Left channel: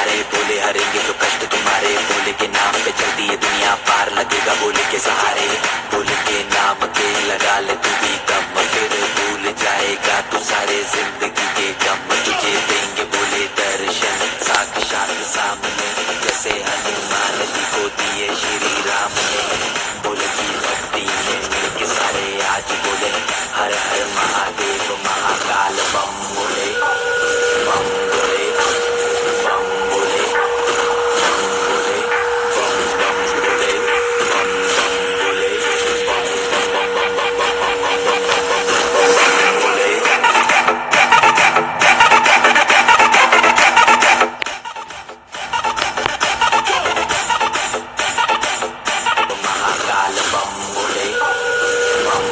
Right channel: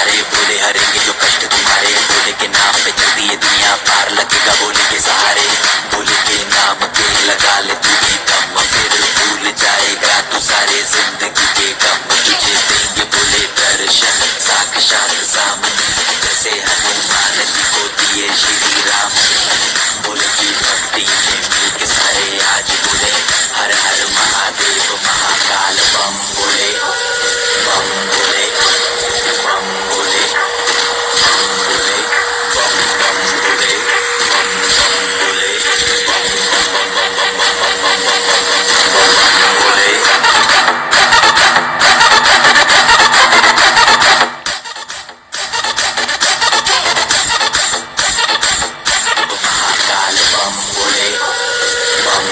सारे बोले हरेंगे जो कष्ट तुम्हारे, बोले के नाम पे चलती है दुनिया पार लगेगा बोले के सहारे, बोले के नाम पे लगा ले तू भी दम, फिर भूल जाएगा तू सारे जिंदगी के गम, तुझे देंगे बोले दर्शन साक्षात सामने, जैसे हनुमान जी को दिए श्री राम ने, बोले की भक्ति में मिल के सारे आज बोले हर हर महादेव महाकाल बम बोले, बम बोले, बम बोले, बम बोले, बम बम बोले, बम बम बोले, बम बम बम बम बम बम बम बम बोले। महाकाल बम बोले, बम